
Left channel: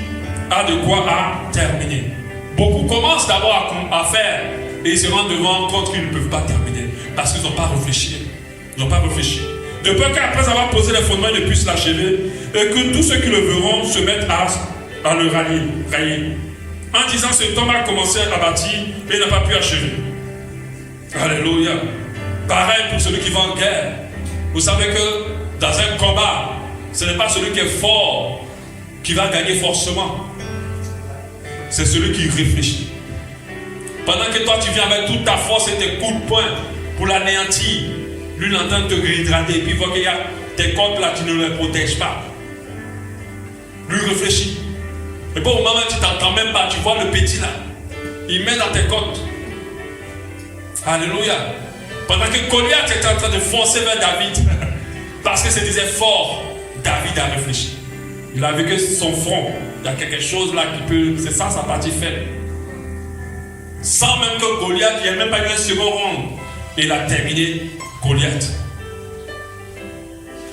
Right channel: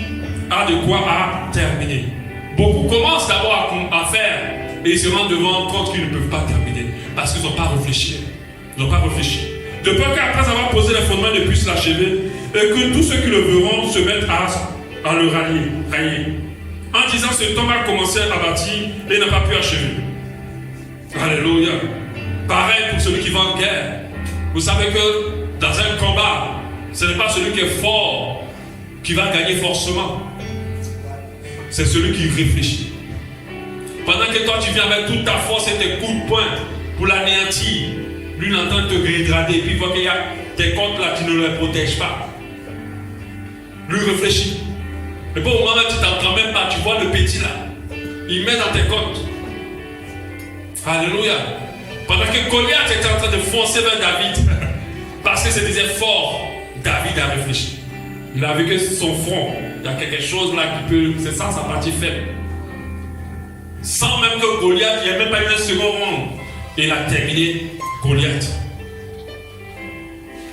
a de quoi à terminer. » Beaucoup commencent d'abord à faire et ils se rendent devant compte qu'ils ne peuvent pas terminer parce qu'ils n'ont pas réfléchi. Ils n'ont pas réfléchi. De peur qu'après avoir posé les fondements, ils ne puissent l'achever et que tous ceux qui le verront se mettent à le railler. En disant, cet homme a commencé à bâtir et n'a pas pu achever. Alléluia. Pareil pour celui qui va en guerre. Vous savez que dans un combat, ce n'est pas celui qui est fort qui va gagner forcément. C'est celui qui réfléchit. Pendant que toi tu viens avec toute ta force et tes coups de poing pour l'anéantir, lui il entend te dégrader et puis il voit qu'il y a tes cordes là, tu ne les protèges pas. Lui réfléchit. Et bon, au moment où tu t'entends même pas, tu vois le petit là, il met dans tes côtes. Alléluia. Pendant que Goliath était en train de foncer vers David, parce que c'est des efforts, David a réfléchi. Il a vu que son front, il y a quelque chose là qui peut, c'est ça sa partie faible. Sans même que Goliath, il n'y a même pas eu un second round. Et il a terminé Goliath.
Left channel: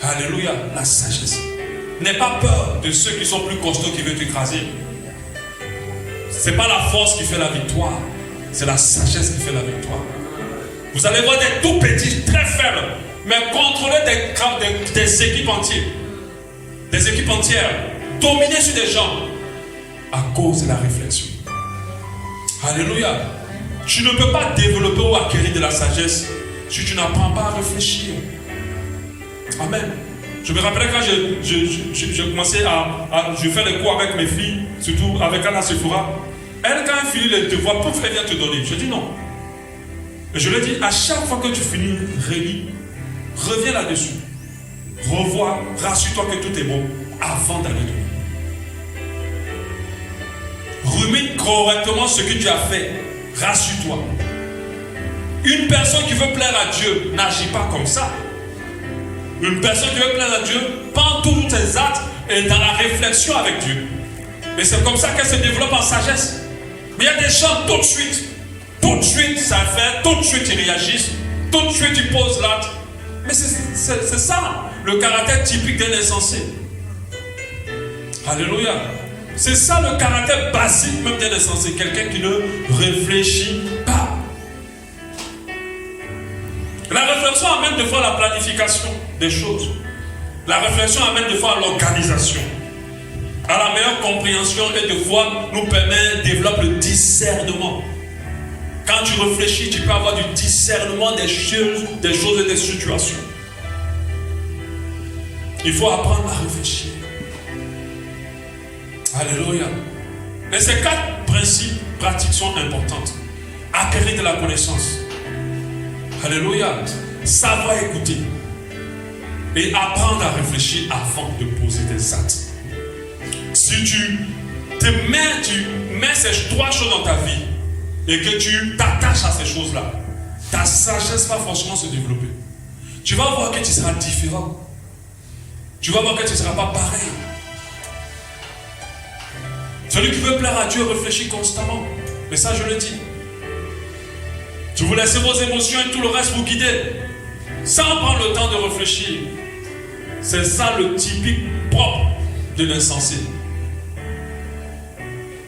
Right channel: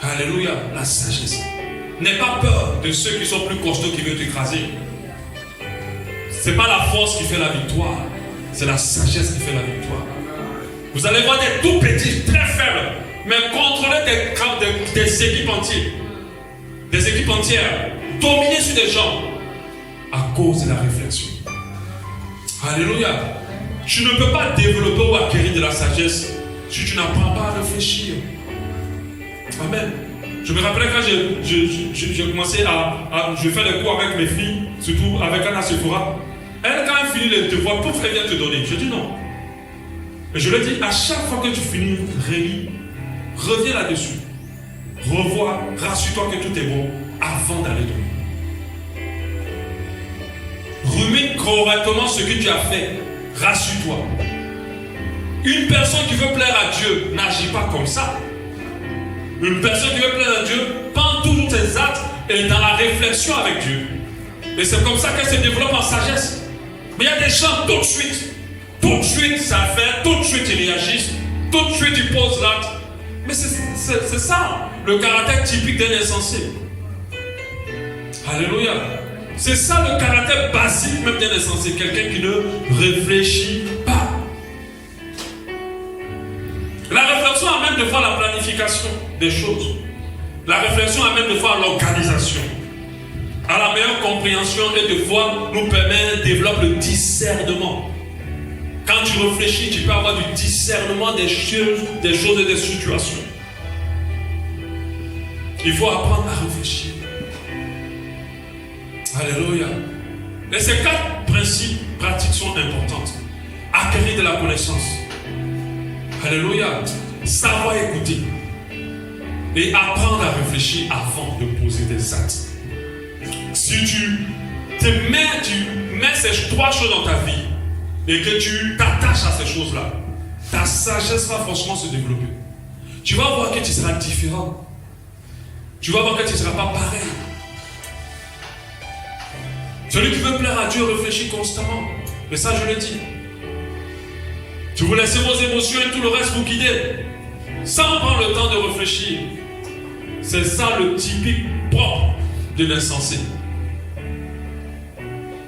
Alléluia, la sagesse. N'aie pas peur de ceux qui sont plus costauds qui veulent t'écraser. Ce n'est pas la force qui fait la victoire, c'est la sagesse qui fait la victoire. Vous allez voir des tout petits, très faibles, mais contrôler des équipes entières. Des équipes entières, dominer sur des gens à cause de la réflexion. Alléluia. Tu ne peux pas développer ou acquérir de la sagesse si tu n'apprends pas à réfléchir. Amen. Je me rappelais quand je commençais je fais les cours avec mes filles, surtout avec Anna Sephora. Elle, quand elle finit les devoirs, tout elle vient te donner. Je dis non. Et je lui dis, à chaque fois que tu finis, relis, reviens là-dessus. Revois, rassure-toi que tout est bon avant d'aller dormir. Rumine correctement ce que tu as fait. Rassure-toi. Une personne qui veut plaire à Dieu n'agit pas comme ça. Une personne qui veut plaire à Dieu prend tous ses actes et dans la réflexion avec Dieu. Et c'est comme ça qu'elle se développe en sagesse. Mais il y a des gens tout de suite ça fait, tout de suite ils réagissent, tout de suite ils posent l'acte. Mais c'est ça, le caractère typique d'un insensé. Alléluia. C'est ça le caractère basique même d'un insensé, quelqu'un qui ne réfléchit pas. La réflexion amène de fois à la planification des choses. La réflexion amène de fois à l'organisation, à la meilleure compréhension et de fois nous permet, développe le discernement. Quand tu réfléchis, tu peux avoir du discernement des choses et des situations. Il faut apprendre à réfléchir. Alléluia. Mais ces 4 principes pratiques sont importantes. Acquérir de la connaissance. Alléluia. Savoir écouter. Et apprendre à réfléchir avant de poser des actes. Si tu mets ces 3 choses dans ta vie et que tu t'attaches à ces choses-là, ta sagesse va forcément se développer. Tu vas voir que tu seras différent. Tu vas voir que tu ne seras pas pareil. Celui qui veut plaire à Dieu réfléchit constamment. Et ça, je le dis. Tu vous laissez vos émotions et tout le reste vous guider, sans prendre le temps de réfléchir. C'est ça le typique propre de l'insensé.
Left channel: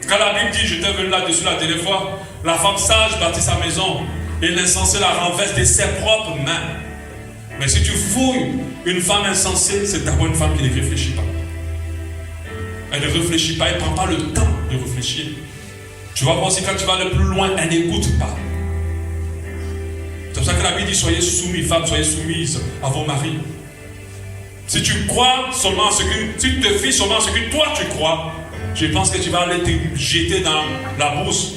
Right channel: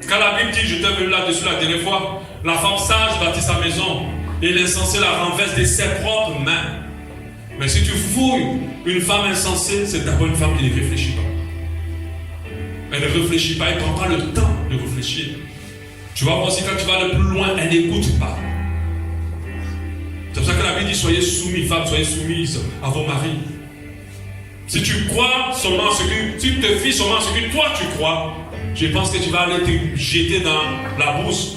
Quand la Bible dit, je t'ai vu là-dessus la dernière fois, la femme sage bâtit sa maison et l'insensé la renverse de ses propres mains. Mais si tu fouilles une femme insensée, c'est d'abord une femme qui ne réfléchit pas. Elle ne réfléchit pas, elle ne prend pas le temps de réfléchir. Tu vas voir aussi quand tu vas le plus loin, elle n'écoute pas. C'est pour ça que la Bible dit, soyez soumis, femmes, soyez soumises à vos maris. Si tu crois seulement à ce que, si tu te fies seulement à ce que toi tu crois, je pense que tu vas aller te jeter dans la bourse.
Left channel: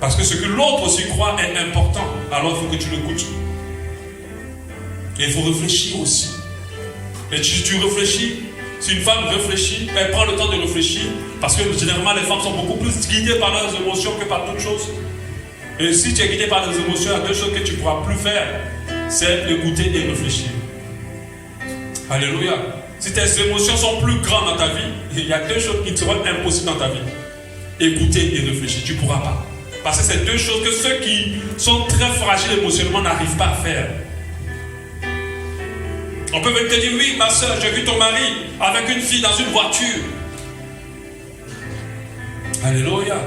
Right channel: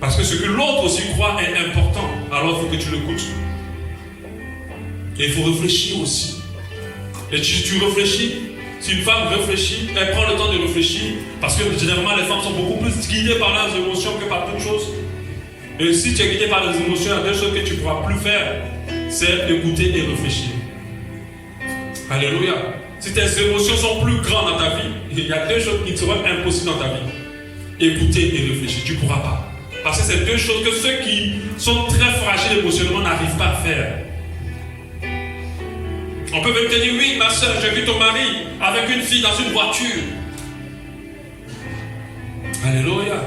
Parce que ce que l'autre aussi croit est important. Alors il faut que tu l'écoutes. Et il faut réfléchir aussi. Et si tu réfléchis, si une femme réfléchit, elle prend le temps de réfléchir. Parce que généralement les femmes sont beaucoup plus guidées par leurs émotions que par toutes choses. Et si tu es guidé par les émotions, il y a 2 choses que tu ne pourras plus faire. C'est écouter et réfléchir. Alléluia. Si tes émotions sont plus grandes dans ta vie, il y a 2 choses qui seront impossibles dans ta vie. Écouter et réfléchir. Tu ne pourras pas. Parce que c'est 2 choses que ceux qui sont très fragiles émotionnellement n'arrivent pas à faire. On peut même te dire, oui, ma soeur, j'ai vu ton mari avec une fille dans une voiture. Alléluia.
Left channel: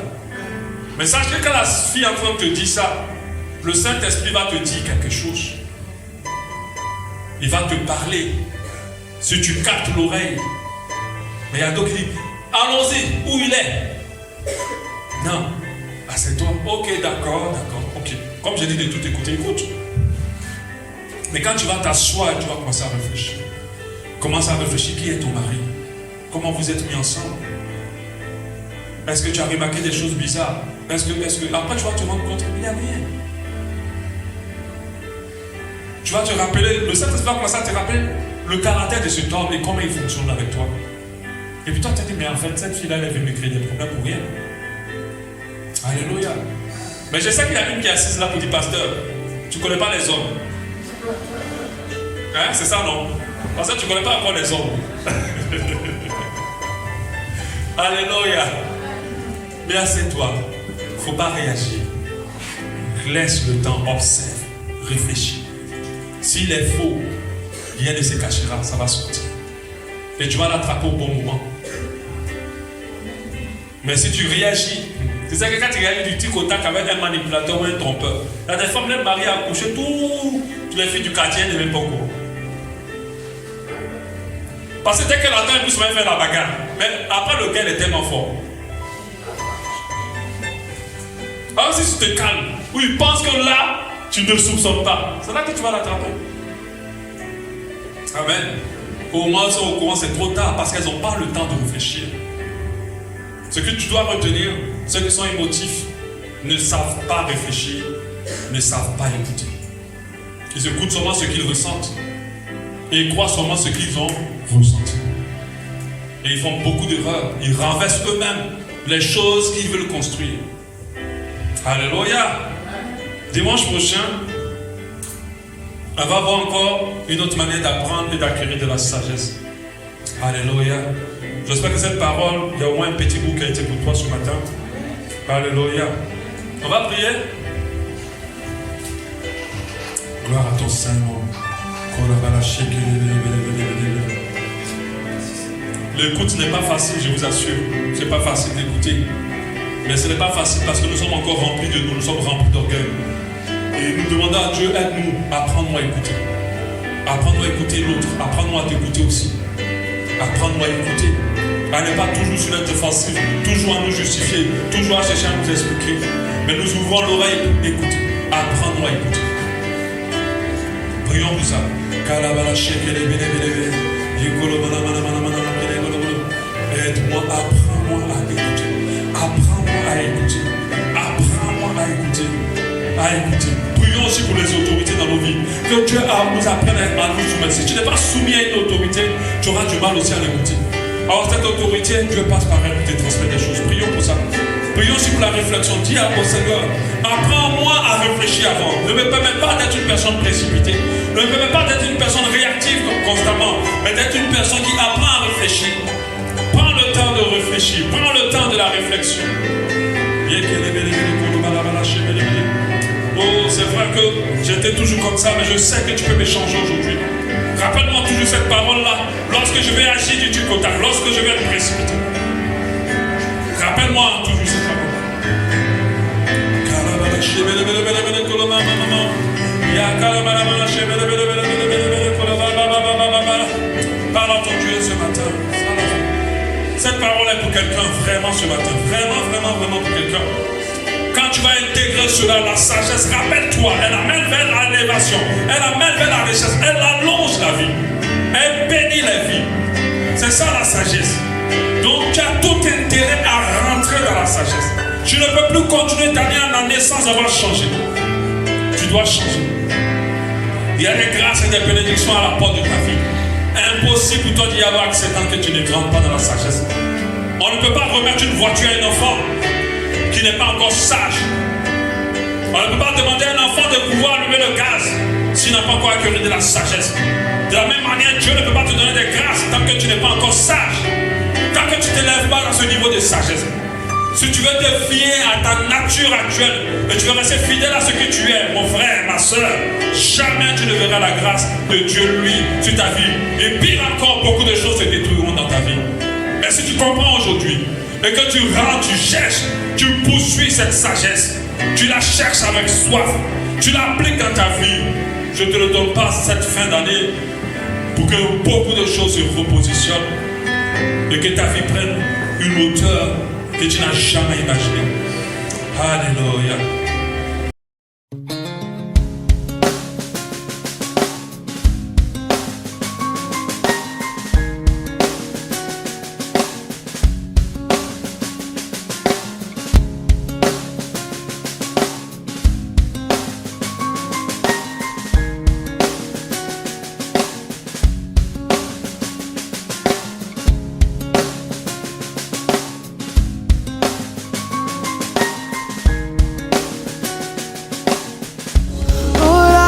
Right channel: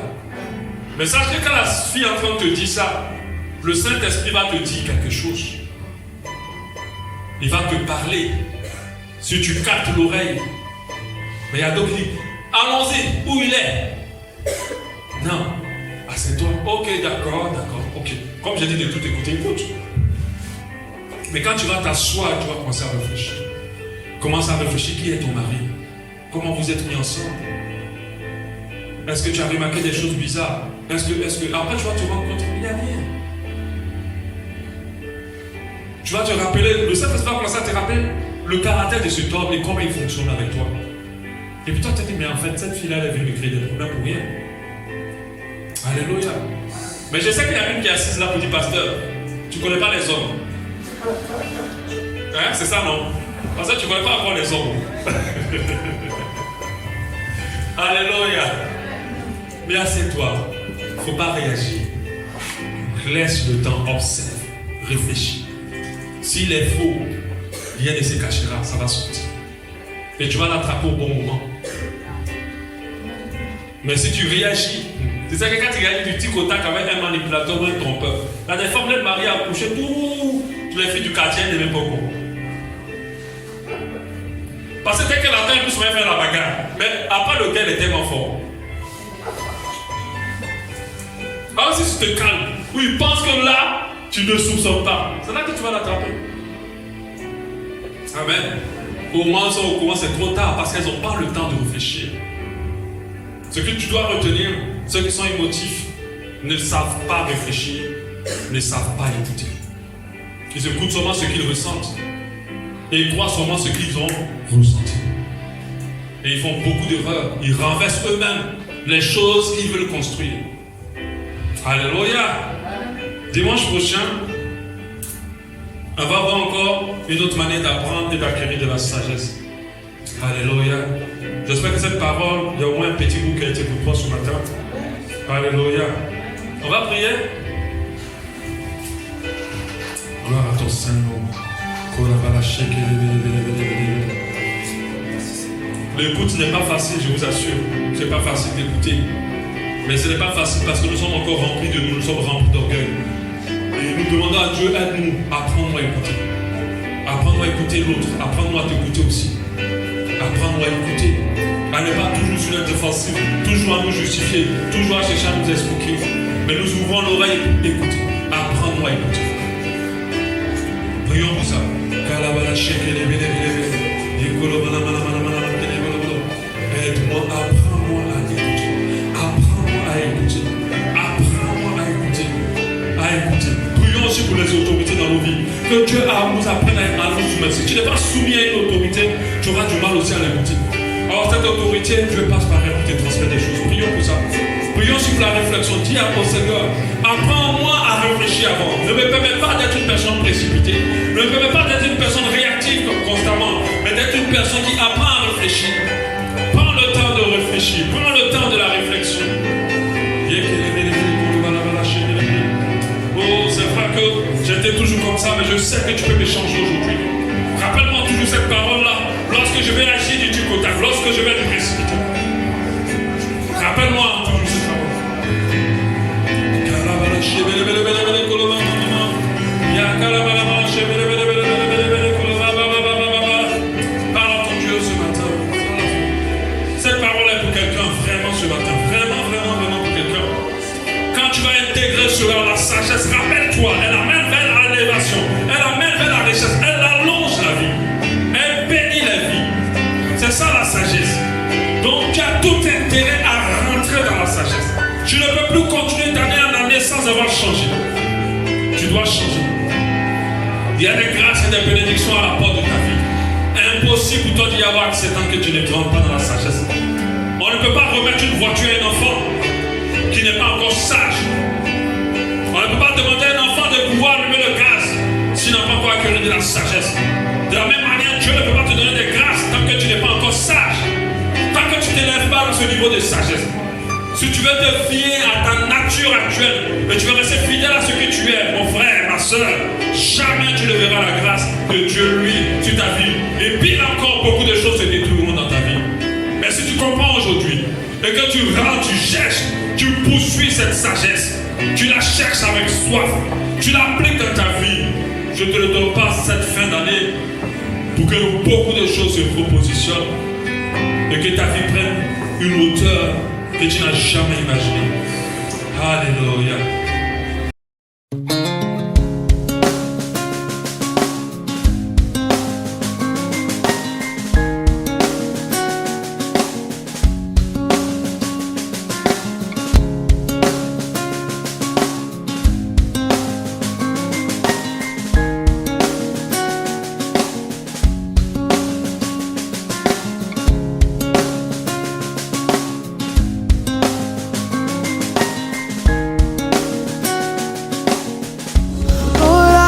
Mais sache que quand la fille est en train de te dire ça, le Saint-Esprit va te dire quelque chose. Il va te parler. Si tu captes l'oreille. Mais il y a d'autres qui disent, allons-y, où il est? Non. Ah, c'est toi. Ok, d'accord, ok. Comme j'ai dit de tout écouter, écoute. Mais quand tu vas t'asseoir, tu vas commencer à réfléchir. Commence à réfléchir, qui est ton mari? Comment vous êtes mis ensemble? Est-ce que tu as remarqué des choses bizarres? Est-ce que après tu vas te rendre compte, il n'y a rien. Tu vas te rappeler, le Saint-Esprit va commencer à te rappeler le caractère de cet homme et comment il fonctionne avec toi. Et puis toi tu te dis, mais en fait cette fille-là, elle est venue me créer des problèmes pour rien. Alléluia. Mais je sais qu'il y a une qui est assise là pour dire, pasteur, tu ne connais pas les hommes. Hein, c'est ça, non? Parce que tu ne connais pas encore les hommes. Alléluia. Mais assieds-toi. Il ne faut pas réagir. Laisse le temps, observe, réfléchis. S'il est faux, rien ne se cachera, ça va sortir. Et tu vas l'attraper au bon moment. Mais si tu réagis, c'est ça que quand tu réagis du tic au tac avec un manipulateur ou un trompeur, il y a des femmes, les maris à coucher, toutes les filles du quartier ne même pas au courant. Parce que dès qu'elle attend, elle peut se faire la bagarre. Mais après, le gars est tellement fort. Alors si tu te calmes, ou il pense que là, tu ne soupçonnes pas, c'est là que tu vas l'attraper. Amen. Au moment où elles sont au courant, c'est trop tard parce qu'elles n'ont pas le temps de réfléchir. Ce que tu dois retenir, ceux qui sont émotifs ne savent pas réfléchir, ne savent pas écouter. Ils écoutent seulement ce qu'ils ressentent et ils croient seulement ce qu'ils ont ressenti. Et ils font beaucoup d'erreurs. Ils renversent eux-mêmes les choses qu'ils veulent construire. Alléluia. Dimanche prochain, on va voir encore une autre manière d'apprendre et d'acquérir de la sagesse. Alléluia. J'espère que cette parole, il y a au moins un petit bout qui a été pour toi ce matin. Alléluia. On va prier. Gloire à ton Saint-Nom. L'écoute n'est pas facile, je vous assure. Ce n'est pas facile d'écouter. Mais ce n'est pas facile parce que nous sommes encore remplis de nous sommes remplis d'orgueil. Et nous demandons à Dieu, aide-nous, apprends-nous à écouter. Apprends-nous à écouter l'autre, apprends-nous à t'écouter aussi. Apprends-nous à écouter. À ne pas toujours sur la défensive, toujours à nous justifier, toujours à chercher à nous expliquer. Mais nous ouvrons l'oreille, écoutez. Apprends-nous à écouter. Prions pour ça. Aide-moi, apprends-moi à écouter. Apprends-moi à écouter. Apprends-moi à écouter. À écouter. Prions aussi pour les autorités dans nos vies. Que Dieu nous apprenne à nous soumettre. Si tu n'es pas soumis à une autorité, tu auras du mal aussi à l'écouter. Alors cette autorité, Dieu passe par elle pour te transmettre des choses. Prions pour ça. Prions aussi pour la réflexion. Dis à mon Seigneur, apprends-moi à réfléchir avant. Ne me permets pas d'être une personne précipitée. Ne me permets pas d'être une personne réactive constamment, mais d'être une personne qui apprend à réfléchir. Prends le temps de réfléchir. Prends le temps de la réflexion. Oh, c'est vrai que j'étais toujours comme ça, mais je sais que tu peux m'échanger aujourd'hui. Rappelle-moi toujours cette parole-là. Lorsque je vais agir du tic au tac, lorsque je vais être précipité. Rappelle-moi toujours cette parole. Parle à ton Dieu ce matin. Cette parole est pour quelqu'un vraiment ce matin. Vraiment pour quelqu'un. Quand tu vas intégrer cela, la sagesse, rappelle-toi, elle amène vers l'élévation, elle amène vers la richesse, elle allonge la vie, elle bénit la vie. C'est ça la sagesse. Donc tu as tout intérêt à rentrer dans la sagesse. Tu ne peux plus continuer d'année en année sans avoir changé. Tu dois changer. Il y a des grâces et des bénédictions à la porte de ta vie. Impossible pour toi d'y avoir accès tant que tu ne rentres pas dans la sagesse. On ne peut pas remettre une voiture à un enfant qui n'est pas encore sage. On ne peut pas demander à un enfant de pouvoir allumer le gaz s'il n'a pas encore acquis de la sagesse. De la même manière, Dieu ne peut pas te donner des grâces tant que tu n'es pas encore sage. Tant que tu ne t'élèves pas dans ce niveau de sagesse. Si tu veux te fier à ta nature actuelle et tu veux rester fidèle à ce que tu es, mon frère, ma soeur, jamais tu ne verras la grâce de Dieu, lui, sur ta vie. Et pire encore, beaucoup de choses se détruiront dans ta vie. Mais si tu comprends aujourd'hui et que tu rentres, tu cherches, tu poursuis cette sagesse, tu la cherches avec soif, tu l'appliques dans ta vie, je te le donne pas cette fin d'année pour que beaucoup de choses se repositionnent et que ta vie prenne une hauteur que tu n'as jamais imaginé. Alléluia.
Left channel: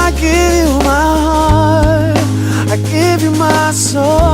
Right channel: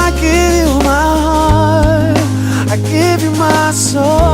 I give you my heart, I give you my soul.